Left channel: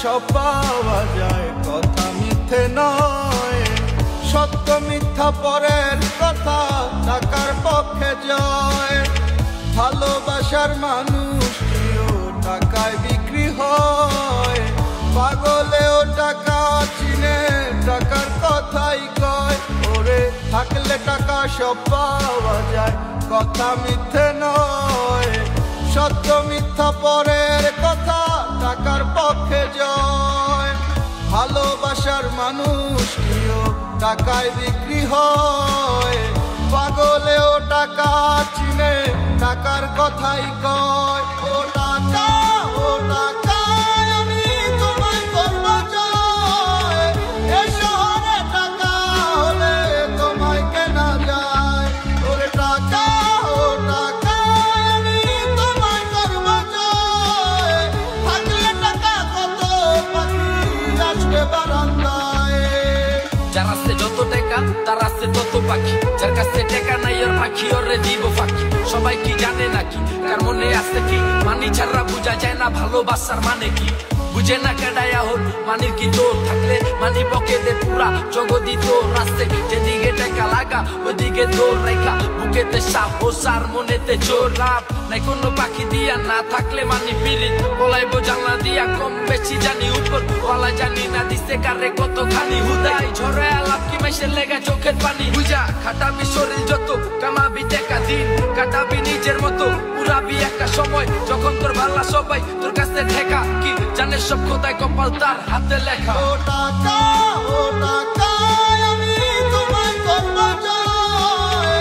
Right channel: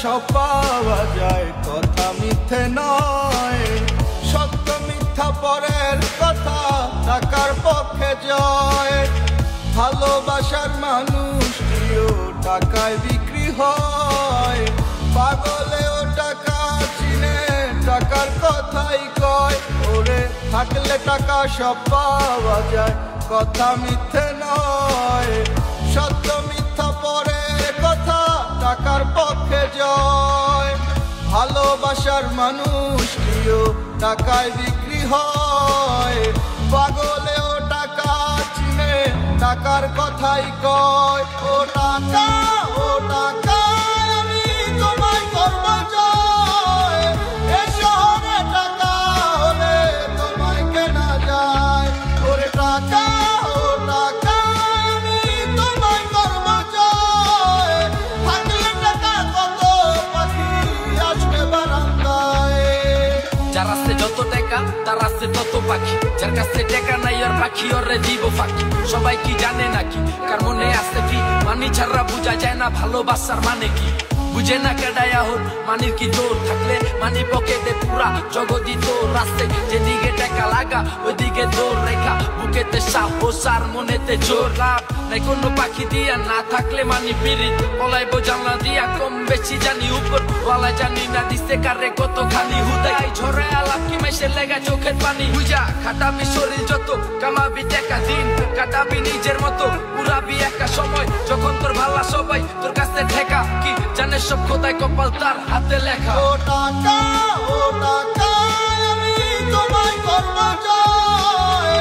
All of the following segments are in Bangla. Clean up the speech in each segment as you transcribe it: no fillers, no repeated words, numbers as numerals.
সব পাওয়া যায়, কথা মিথ্যে নয়। সত্য মিথ্যা পরের কথা, টাকার পক্ষে জয়। ভালোবাসার মানুষটিও টাকায় বিক্রি হয়। পাগলেও টাকা চিনে, টাকার কথাই কয়। ওরে থাকলে টাকা সব পাওয়া যায়, কথা মিথ্যে নয়। সত্য মিথ্যা পরের কথা, টাকার পক্ষে জয়। ভালোবাসার মানুষটিও টাকায় বিক্রি হয়। পাগলেও টাকা চিনে, টাকার কথাই কয়। ও টাকা, ও টাকা, আমি তোমায় করব জয়। এ শহরে টাকা হলে তোমায় কেনা যায়। ওরে টাকা, ও টাকা, আমি তোমায় করব জয়। থাকলে টাকা কত পাখি আসবে বারান্দায়। যার আছে যত টাকা তার আছে তত পাখি, যার কাছে টাকা নাই ওর পাখি ওরে দিব ফাঁকি। সবাই কি জানে নাকি, কার মনে আছে কি, মানি ছাড়া বুঝা যায় না ভালোবাসার মানে কি। বুঝে না কেডায় এখন মানির কি জোর, থাকলে মানি পকেটে পুরা জগদি তোর। রাস্তে যেদিকে টাকা লাগা ওইদিকে দৌড় রেখা, বুকেতে সাহস আর মনেতে জোর। লাভ নাই কোনো পাখি দিয়া, না থাকলে মানি পিরিত পলাইবো জানলা দিয়া। কম বেশি জানি উপর ওয়ালা, জানি না দিছে কারে কতখানি। হুদাই ঝরে আলাপ কি মাইসের লেগা চোখের পানি। বুঝা খাটাবি শরীর যত, কামাবি টাকা দিন কাটাবি নিজের মতো। পুরাবি একা সময় যখন তোর ভালা সবাই তোর কাছে ঠেকা। কি জানে সব খোদাই কপাল তার হাতে লেখা। ও টাকা, ও টাকা, আমি তোমায় করব জয়।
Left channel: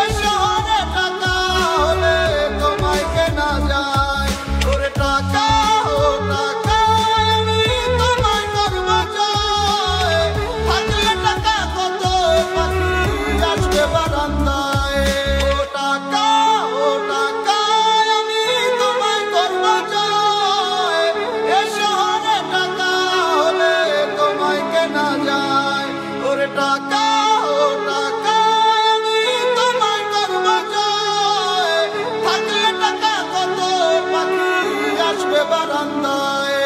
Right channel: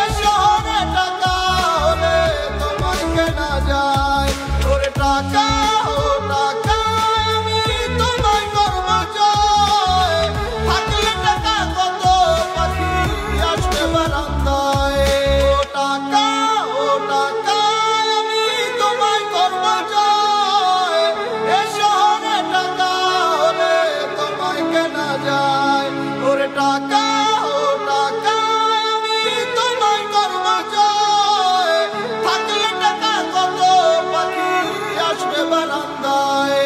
এ শহরে টাকা হলে তোমায় কেনা যায়। ওরে টাকা, ও টাকা, আমি তোমায় করব জয়। থাকলে টাকা কত পাখি আসবে বারান্দায়। ও টাকা, ও টাকা, আমি তোমায় করব জয়। এ শহরে টাকা হলে তোমায় কেনা যায়। ওরে টাকা, ও টাকা, আমি তোমায় করব জয়। থাকলে টাকা কত পাখি আসবে বারান্দায়।